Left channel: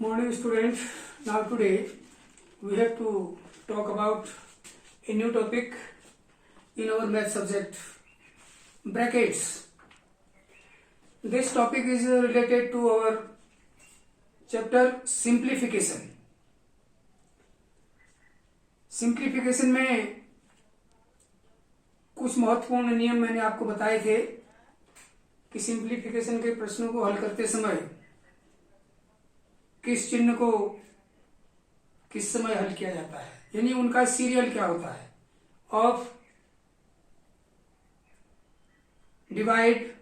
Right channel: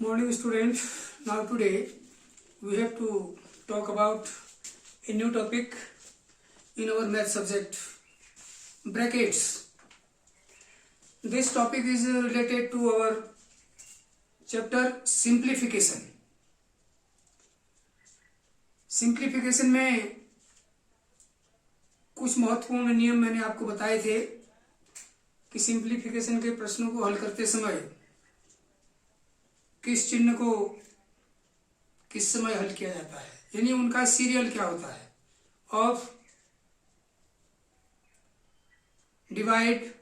Morning student. Now today we have to talk about a new topic in our math subject, brackets. This topic is related to our chapter simplification. Simplification में कुछ महत्वपूर्ण नियम मैंने आपको बताए थे कि सिंप्लीफिकेशन के प्रश्नों को हल करते समय किस चिन्ह को किस समय हल किया जाता है, यानी उनका सीरियल क्या होता है, of, divide,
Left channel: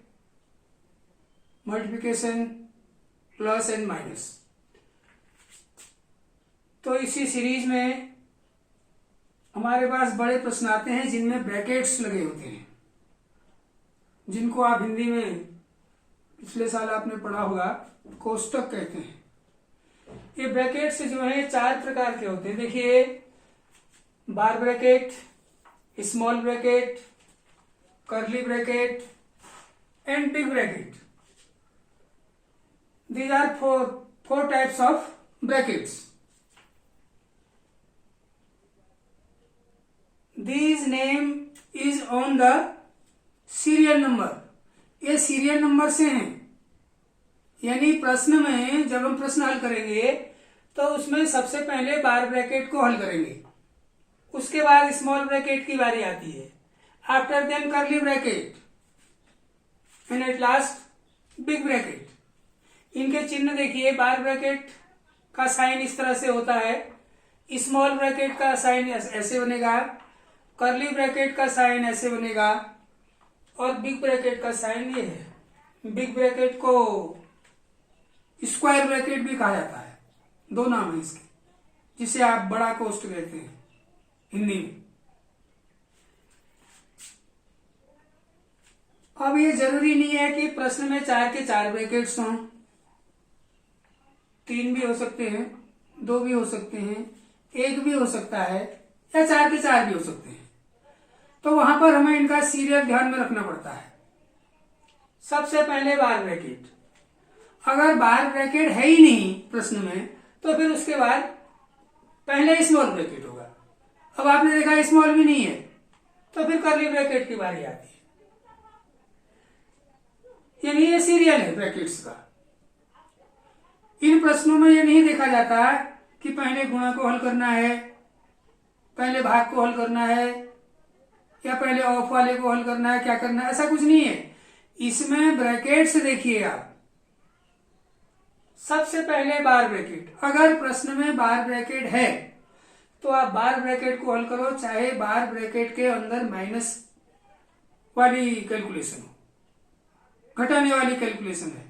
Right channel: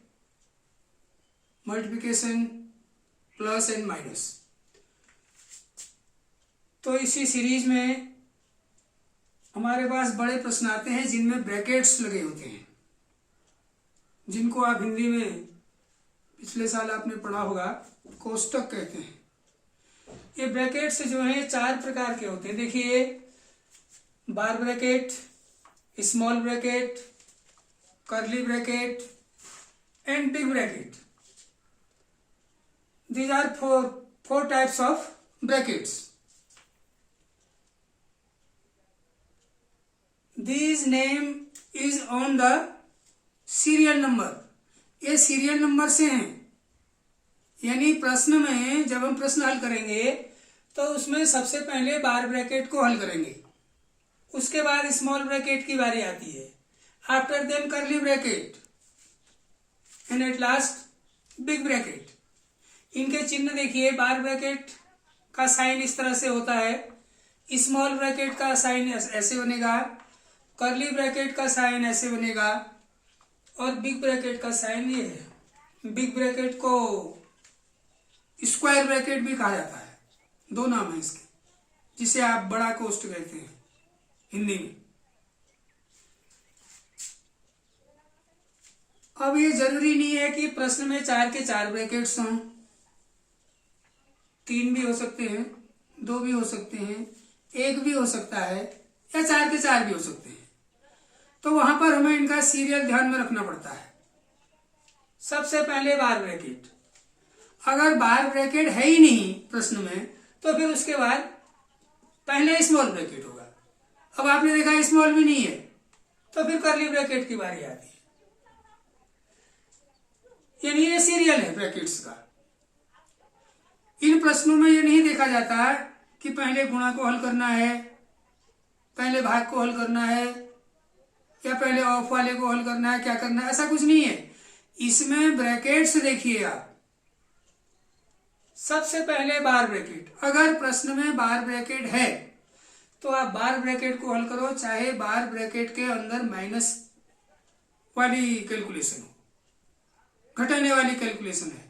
multiplication, plus and minus. तो इसी सीरीज में हमारे पास बड़े प्रश्न आते हैं जिनमें ब्रैकेट्स लगे होते हैं, जिनको आप हिंदी में पिछले साल आपने पढ़ा होगा कोष्टक कहते हैं। ये ब्रैकेट्स जो है चार प्रकार के होते हैं। देखिए, bar bracket, small bracket, curly bracket and big bracket. These are four types of brackets. These name is on the serial number. ये सीरियल नंबर से हैं, यानी प्रश्न में जब हम प्रश्न हल करेंगे तो उसमें सबसे पहले बार ब्रैकेट को हल करेंगे, उसके बाद स्मॉल ब्रैकेट की बारी आती है, after then curly bracket and at last big bracket. इनके चिन्ह देखिए, बार ब्रैकेट का साइन इस तरह से होता है, स्मॉल ब्रैकेट का साइन ऐसे बनेगा, कर्ली ब्रैकेट का साइन ऐसे बनेगा और बिग ब्रैकेट का साइन ये है। बिग ब्रैकेट को स्क्वायर ब्रैकेट भी कहा जाता है, दो नाम है इसके, जिसे आप बड़ा कोष्ट कहते हैं हिंदी में। अब ये जरूरी नहीं है कि प्रश्न में चार के चार ब्रैकेट्स हों, तीन भी हो सकते हैं, दो भी हो सकते हैं, एक भी हो सकता है, या चार के चार भी हो सकते हैं। तो वहां पर हमें इनका सीरियल ध्यान में रखना पड़ता है। सबसे पहले बार ब्रैकेट, अगर बार ब्रैकेट है ही नहीं प्रश्न में तो फिर उसके बाद पहले स्मॉल ब्रैकेट होगा। अब आपने देखा स्मॉल भी नहीं है तो फिर कर्ली ब्रैकेट की बारी आती है, यानी ये सीरियल है ब्रैकेट्स का। इन प्रश्नों में ये नहीं देखा जाता कि पहले गुणा को हल करना है, पहले भाग को हल करना है, या पहले ऑफ वाले को हल करना है, क्या करना है, ऐसा कुछ नहीं है। इसमें ब्रैकेट्स देखिए आप, सबसे पहले बार ब्रैकेट। अगर प्रश्न में बार ब्रैकेट है तो आप बार ब्रैकेट को हल करो, चाहे बार ब्रैकेट के अंदर माइनस वाली कैलकुलेशन हो, घटाने वाली कैलकुलेशन है,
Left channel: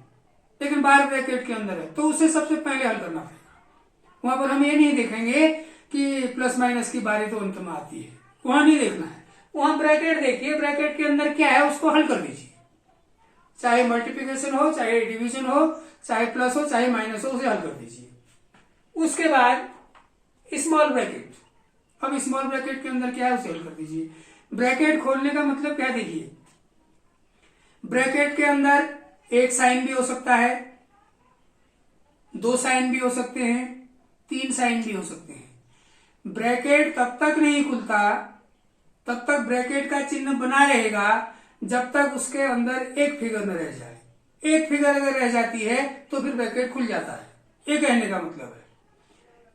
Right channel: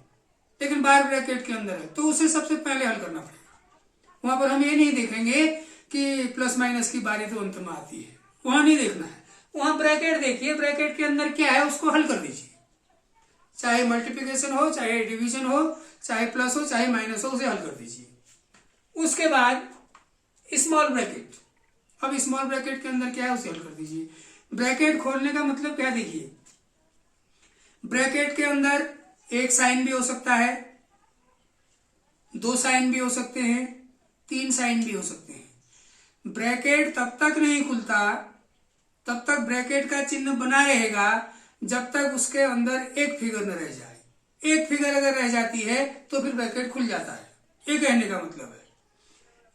लेकिन बार ब्रैकेट के अंदर है तो उसे सबसे पहले हल करना पड़ेगा। वहां पर हम ये नहीं देखेंगे कि प्लस माइनस की बारी तो अंत में आती है, वहां नहीं देखना है। वहां ब्रैकेट देखिए, ब्रैकेट के अंदर क्या है उसको हल कर दीजिए, चाहे मल्टीप्लिकेशन हो, चाहे डिवीजन हो, चाहे प्लस हो, चाहे माइनस हो, उसे हल कर दीजिए। उसके बाद स्मॉल ब्रैकेट, अब स्मॉल ब्रैकेट के अंदर क्या है उसे हल कर दीजिए। ब्रैकेट खोलने का मतलब क्या, देखिए ब्रैकेट के अंदर एक साइन भी हो सकता है, दो साइन भी हो सकते हैं, तीन साइन भी हो सकते हैं। ब्रैकेट तब तक नहीं खुलता, तब तक ब्रैकेट का चिन्ह बना रहेगा जब तक उसके अंदर एक फिगर न रह जाए। एक फिगर अगर रह जाती है तो फिर ब्रैकेट खुल जाता है, ये कहने का मतलब है।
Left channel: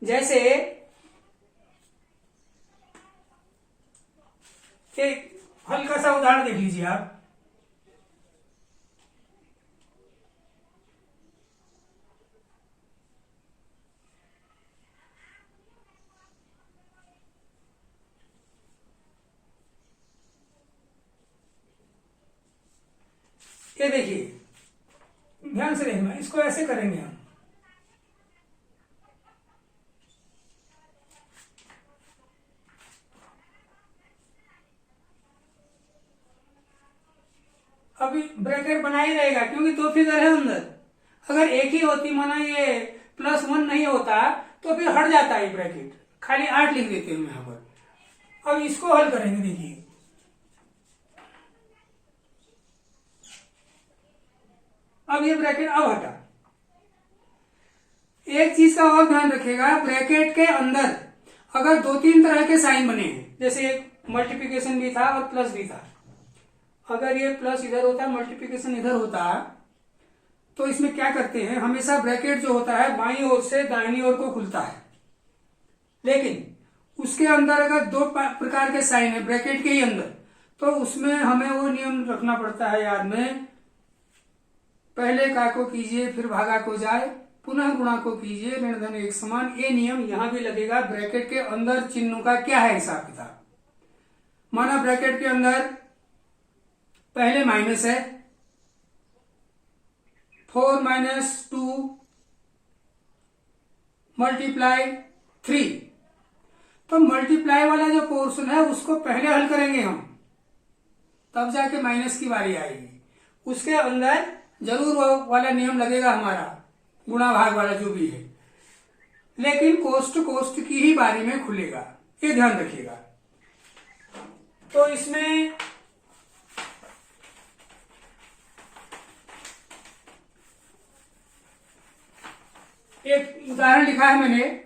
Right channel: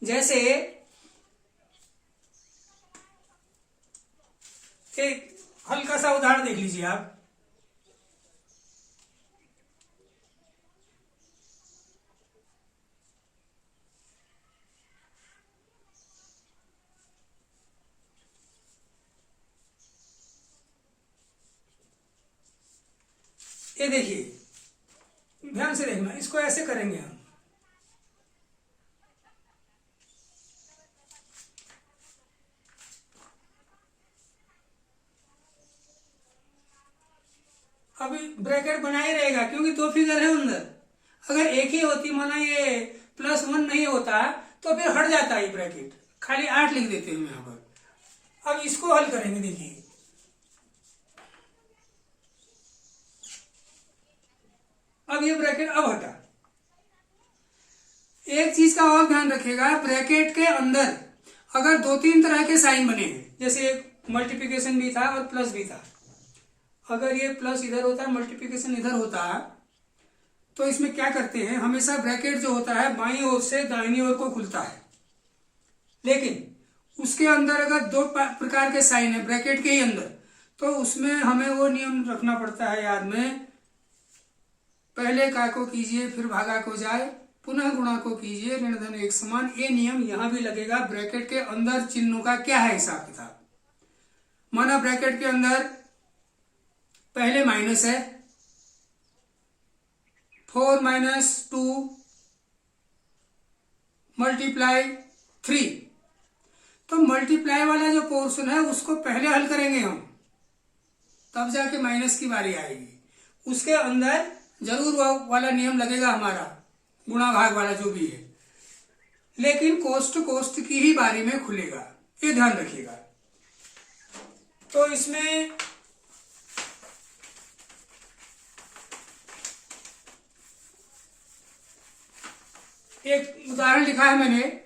जैसे एक हल्का सा उदाहरण देख लीजिए आप, ये देखिए, ध्यान से देखना, इसको ऐसे करेंगे हम, अभी ब्रैकेट बना ही रहेगा क्योंकि दो फिगर है अंदर। अगर एक ही होती, माना ये +1 नहीं होता तो फिर हट जाता है ब्रैकेट, खाली 8 लिख देते हैं यहां पर। अब इसको हल करेंगे, देखिए अब ये ब्रैकेट अब हटा, एक चीज का और ध्यान रखिएगा, ब्रैकेट के अंदर अगर दो तीन तरह के साइन बने हैं, जैसे एक मल्टीप्लिकेशन भी था और प्लस भी था, अगर ये प्लस इधर होता, मल्टीप्लिकेशन इधर होता, तो इसमें क्या करते हैं, हमेशा ब्रैकेट जो होता है बाईं ओर से दाहिनी ओर को खुलता है, लेकिन उसके अंदर अगर दो प्रकार के साइन है ब्रैकेट के ही अंदर, तो उसमें हमें वो नियम रखना पड़ता है याद में, पहले का को कीजिए फिर भागा को जाए, पुनः गुणा को कीजिए ऋण धन एक समान। ये नियम यहां भी लगेगा। ब्रैकेट के अंदर चिन्हों का क्या है हिसाब किताब, माना ब्रैकेट के अंदर पहले माइनस है, 4 - 2 मल्टीप्लाई 3, तो मल्टीप्लाई वाला जो पोर्शन है उसको पहले हल करेंगे हम, तब जाके माइनस की बारी आएगी। उसके अंदर जरूर वो वाला नियम लगेगा हमारा, गुणा भाग वाला जो भी है, लेकिन कोष्ट की ही बारी में खुलेगा, ये ध्यान रखिएगा। तो इसमें एक उदाहरण लिखा है मैंने,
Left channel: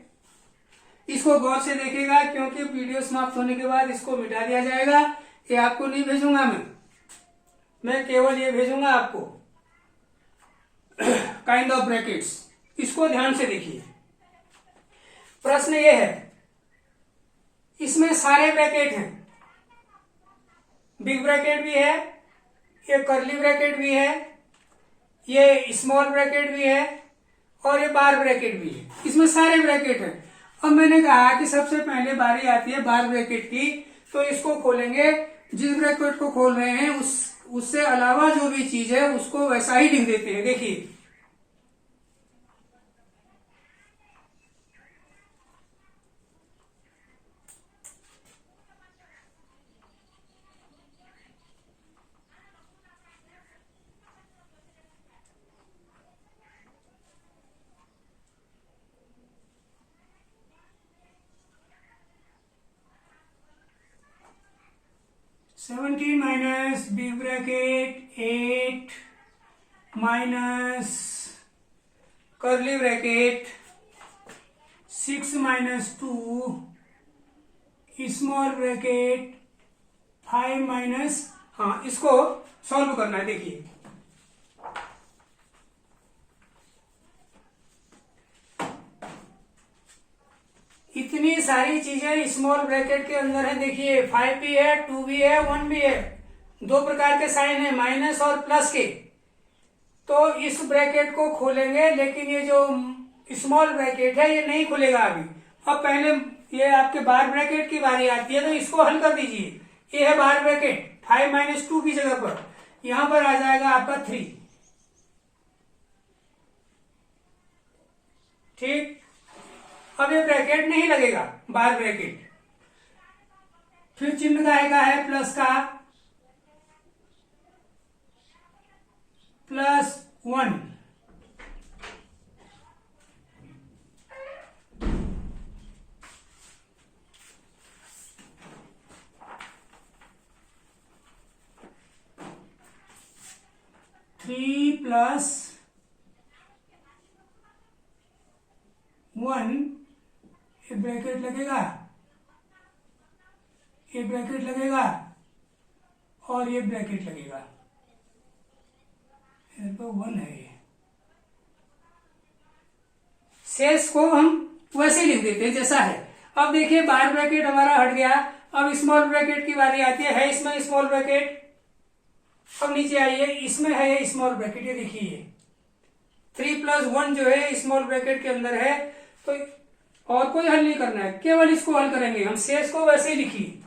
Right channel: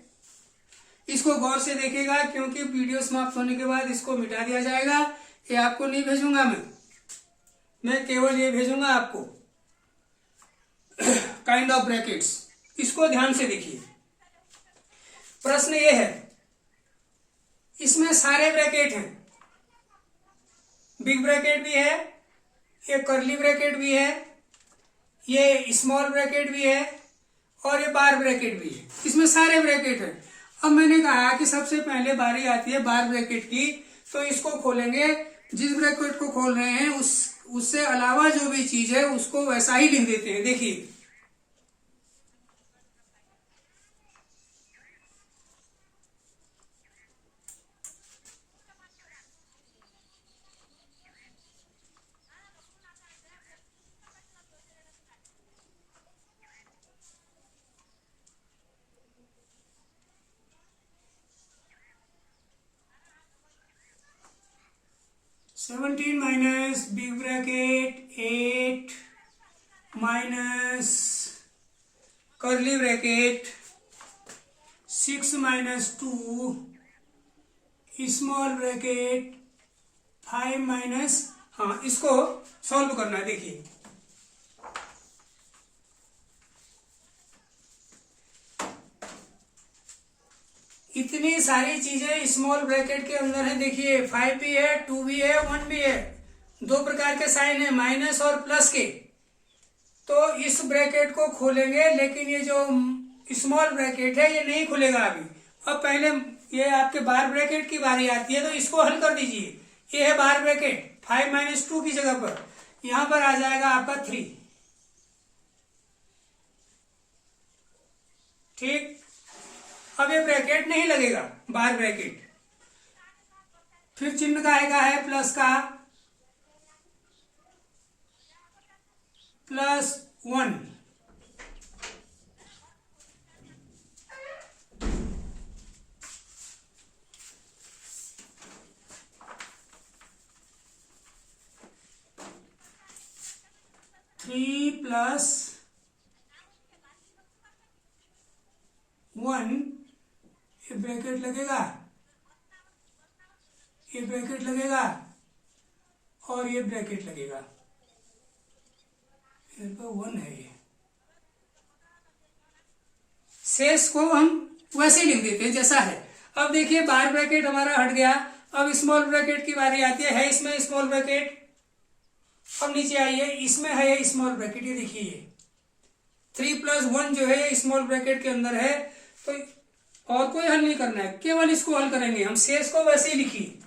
इसको गौर से देखिएगा क्योंकि वीडियो समाप्त होने के बाद इसको मिटा दिया जाएगा। ये आपको नहीं भेजूंगा मैं केवल ये भेजूंगा आपको काइंड ऑफ ब्रैकेट्स। इसको ध्यान से देखिए। प्रश्न ये है, इसमें सारे ब्रैकेट हैं, बिग ब्रैकेट भी है, ये कर्ली ब्रैकेट भी है, ये स्मॉल ब्रैकेट भी है और ये बार ब्रैकेट भी है, इसमें सारे ब्रैकेट हैं। अब मैंने कहा कि सबसे पहले बारी आती है बार ब्रैकेट की, तो इसको खोलेंगे, जिस ब्रैकेट को खोल रहे हैं उससे अलावा जो भी चीज है उसको वैसा ही लिख देते हैं। देखिए seventeen minus big bracket 8 minus curly bracket 6 - 2 small bracket 5 - हाँ, इसको सॉल्व करना है। देखिए इतनी सारी चीजें स्मॉल ब्रैकेट के अंदर है। देखिए 5 भी है, 2 भी है, 1 भी है, दो प्रकार के साइन है माइनस और प्लस के। तो इस ब्रैकेट को खोलेंगे, लेकिन ये जो स्मॉल ब्रैकेट है ये नहीं खुलेगा अभी। अब पहले ये आपके बार ब्रैकेट की बारी आती है, तो इसको हल कर दीजिए। ये है बार ब्रैकेट, 5 - 2 की जगह पर यहां पर आ जाएगा आपका 3। ठीक, अब ये ब्रैकेट नहीं लगेगा बार ब्रैकेट, फिर चिन्ह का है प्लस का, +1 3 + 1, ये ब्रैकेट लगेगा, ये ब्रैकेट लगेगा और ये ब्रैकेट लगेगा, तो 1 है ये। शेष को हम वैसे ही लिख देते हैं जैसा है। अब देखिए बार ब्रैकेट हमारा हट गया, अब स्मॉल ब्रैकेट की बारी आती है इसमें स्मॉल ब्रैकेट। अब नीचे आइए, इसमें है स्मॉल ब्रैकेट, ये देखिए 3 + 1 जो है स्मॉल ब्रैकेट के अंदर है। तो और कोई हल नहीं करना है, केवल इसको हल करेंगे हम, शेष को वैसे ही लिखिए।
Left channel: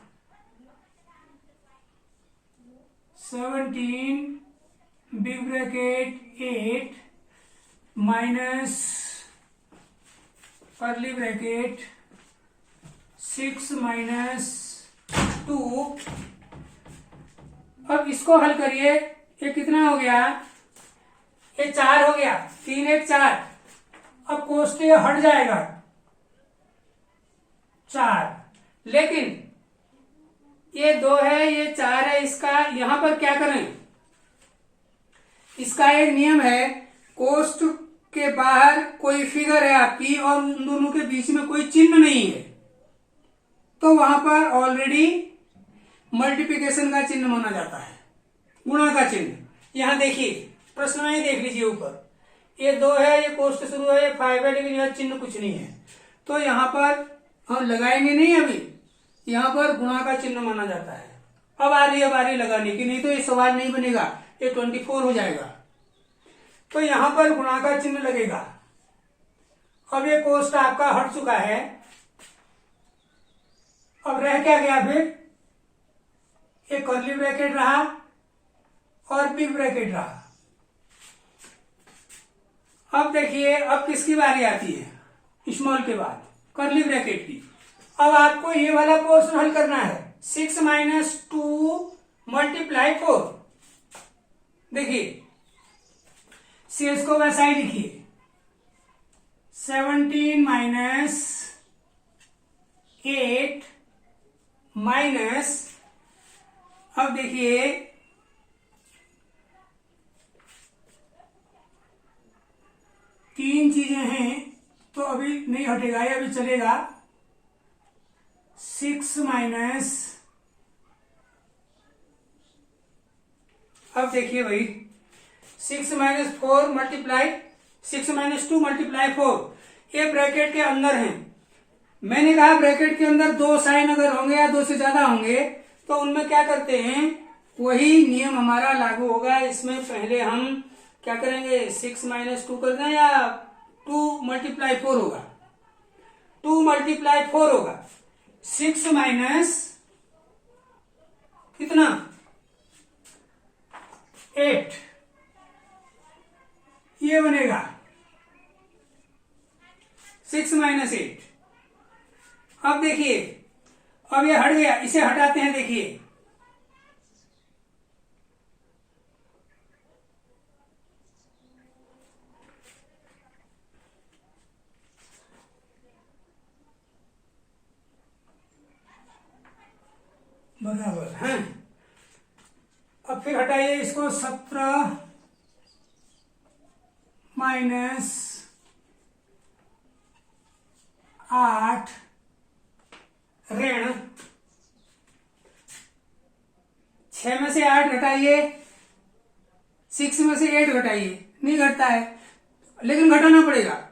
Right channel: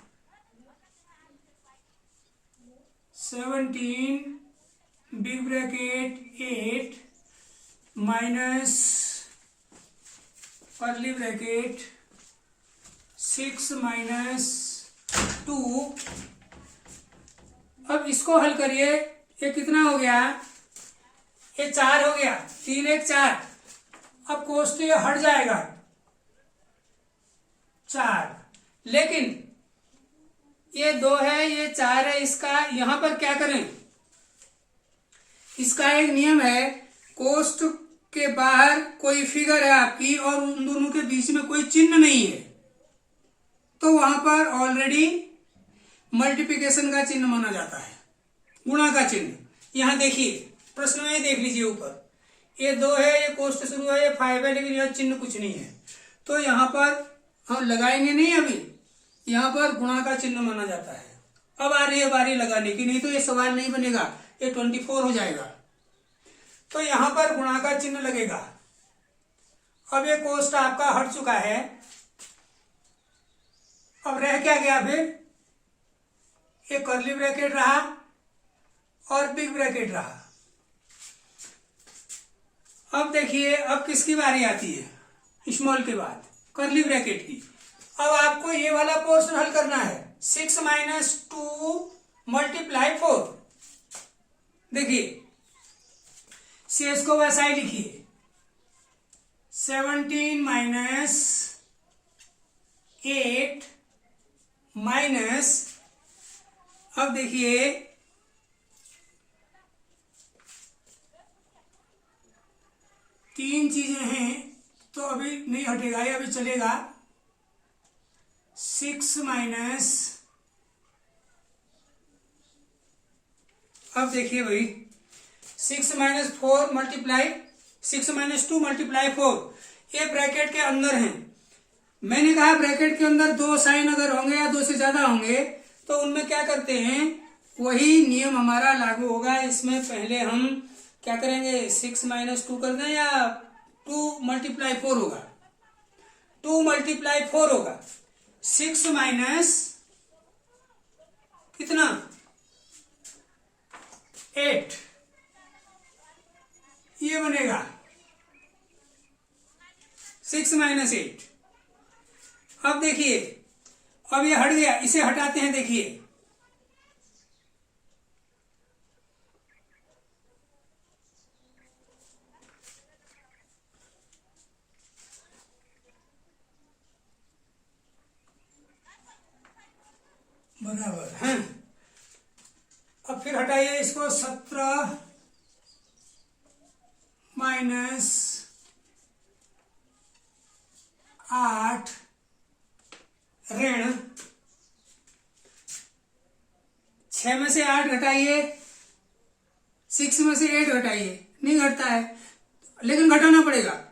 17 big bracket 8 minus curly bracket 6 - 2। अब इसको हल करिए, ये कितना हो गया, ये 4 हो गया, 3 1 4। अब कोष्ट ये हट जाएगा 4, लेकिन ये 2 है, ये 4 है, इसका यहां पर क्या करें, इसका एक नियम है, कोष्ट के बाहर कोई फिगर है आपकी और उन दोनों के बीच में कोई चिन्ह नहीं है, तो वहां पर ऑलरेडी मल्टीप्लिकेशन का चिन्ह माना जाता है, गुणा का चिन्ह। यहां देखिए प्रश्न में ही देख लीजिए, ऊपर ये 2 है, ये कोष्ट शुरू है, ये 5 है, लेकिन यह चिन्ह कुछ नहीं है, तो यहाँ पर हम लगाएंगे नहीं, अभी यहाँ पर गुणा का चिन्ह माना जाता है। अब आ रही है बारी लगाने की, नहीं तो ये सवाल नहीं बनेगा, ये 24 हो जाएगा। तो यहाँ पर गुणा का चिन्ह लगेगा। अब ये कोष्ट आपका हट चुका है, अब रह क्या गया फिर, ये कर्ली ब्रैकेट रहा और बिग ब्रैकेट रहा। अब देखिए अब किसकी बारी आती है, स्मॉल के बाद कर्ली ब्रैकेट की। अब आपको ये वाला पोर्शन हल करना है, 6 - 2 × 4। देखिए शेष को वैसा ही लिखिए, 17 - 8 माइनस, अब देखिए तीन चीजें हैं तो अभी नहीं हटेगा, ये अभी चलेगा। 6 माइनस, अब देखिए भाई 6 - 4 × 6 - 2 × 4, ये ब्रैकेट के अंदर है। मैंने कहा ब्रैकेट के अंदर 2 साइन अगर होंगे या 2 से ज्यादा होंगे तो उनमें क्या करते हैं, वही नियम हमारा लागू होगा। इसमें पहले हम क्या करेंगे, 6 - 2 कर दें या 2 × 4 होगा, 2 × 4 होगा। 6 माइनस कितना, 8, ये बनेगा 6 - 8। अब देखिए अब ये हट गया, इसे हटाते हैं। देखिए बराबर है। अब फिर हटाइए इसको, 17 माइनस 8 ऋण 6 में से 8 घटाइए, 6 में से 8 घटाइए, नहीं घटता है लेकिन घटाना पड़ेगा,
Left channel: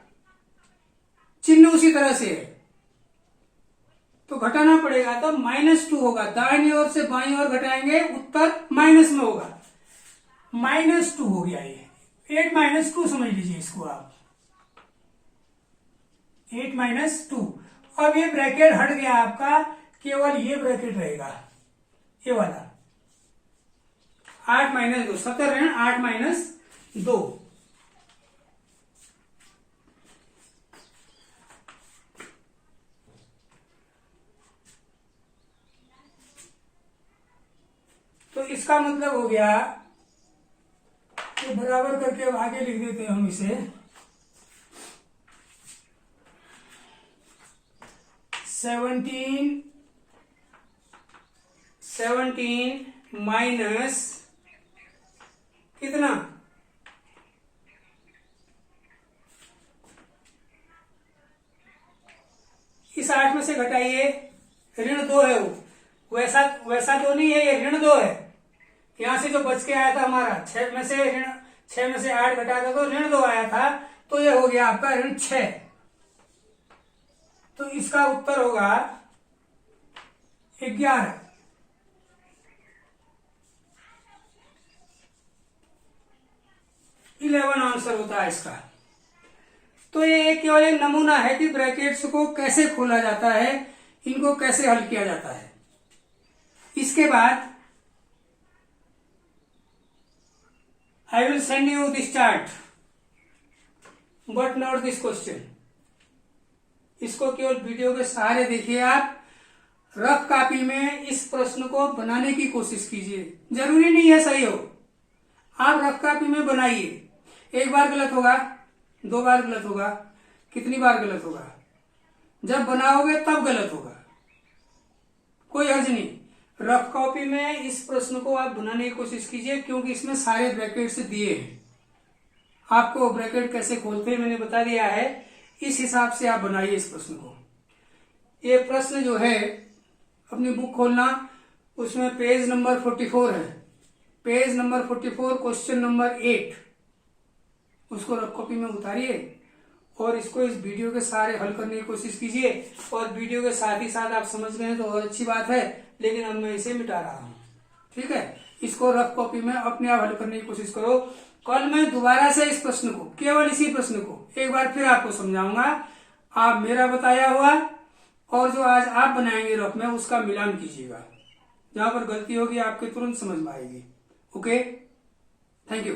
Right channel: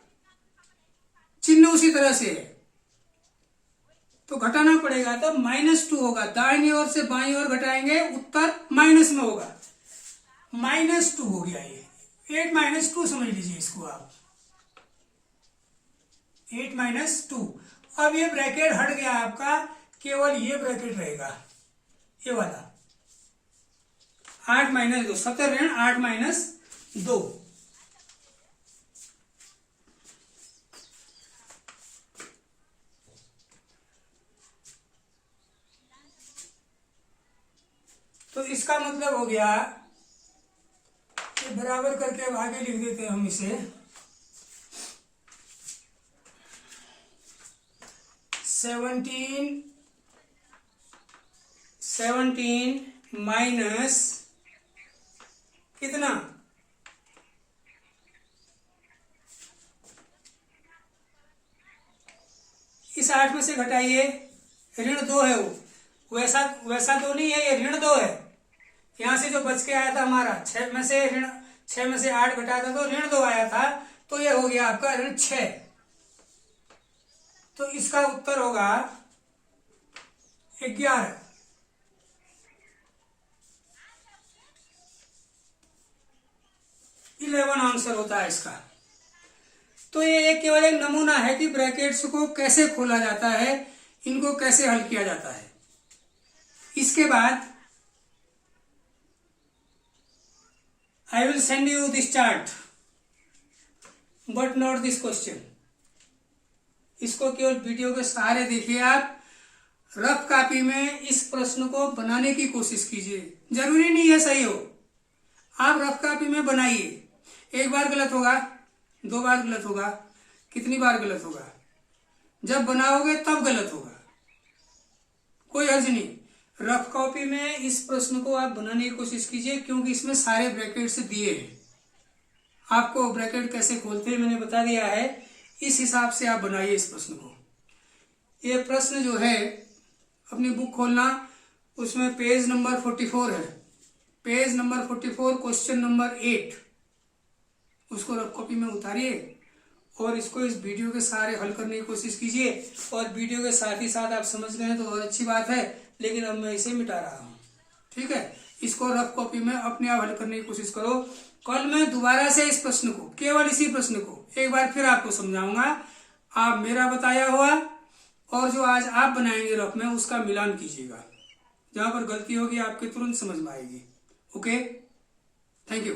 चिन्ह उसी तरह से है तो घटाना पड़ेगा। तो -2 होगा, दाहिनी ओर से बाईं ओर घटाएंगे, उत्तर माइनस में होगा, -2 हो गया। ये 8 - 2 समझ लीजिए इसको आप, 8 - 2। अब ये ब्रैकेट हट गया आपका, केवल ये ब्रैकेट रहेगा, ये वाला 8 - 2, 17 ऋण 8 - 2। तो इसका मतलब हो गया कि बराबर करके अब आगे लिख देते हैं हम इसे, 17 माइनस कितना, इस 8 में से घटाइए, ऋण 2 है वो, वैसा तो नहीं है, ये ऋण 2 है। यहां से जो बच के आया था हमारा 6 में से 8 घटाया था तो ऋण 2 आया था, तो ये हो गया आपका ऋण 6। तो इसका उत्तर होगा 11। आंसर होता है इसका। तो ये केवल एक नमूना है कि ब्रैकेट्स को कैसे खोला जाता है, इनको कैसे हल किया जाता है। इसके बाद I will send you this chart but not this question। इसको केवल वीडियो के सहारे देखिए आप, रफ कॉपी में इस प्रश्न को बनाने की कोशिश कीजिए। जरूरी नहीं है सही हो, आप रफ कॉपी में बनाइए। एक बार गलत होगा, 2 बार गलत होगा, कितनी बार गलत होगा, जब बनाओगे तब गलत होगा, कोई हर्ज नहीं। रफ कॉपी में इस प्रश्न को आप बनाने की कोशिश कीजिए क्योंकि इसमें सारे ब्रैकेट्स दिए हैं। आपको ब्रैकेट कैसे खोलते हैं मैंने बता दिया है, इस हिसाब से आप बनाइए इस प्रश्न को। ये प्रश्न जो है अपनी बुक खोलना, उसमें पेज नंबर 44 है, पेज नंबर 44 क्वेश्चन नंबर 8, उसको रफ कॉपी में उतारिए और इसको इस वीडियो के सारे हल करने की कोशिश कीजिए। और वीडियो के साथ ही साथ आप समझ गए तो और अच्छी बात है, लेकिन अब मैं इसे मिटा रहा हूँ, ठीक है। इसको रफ कॉपी में अपने आप हल करने की कोशिश करो। कल मैं दोबारा से इस प्रश्न को, केवल इसी प्रश्न को एक बार फिर आपको समझाऊंगा। आप मेरा बताया हुआ और जो आज आप बनाएंगे रफ में उसका मिलान कीजिएगा, जहां पर गलती होगी आपके तुरंत समझ में आएगी। Okay, thank you.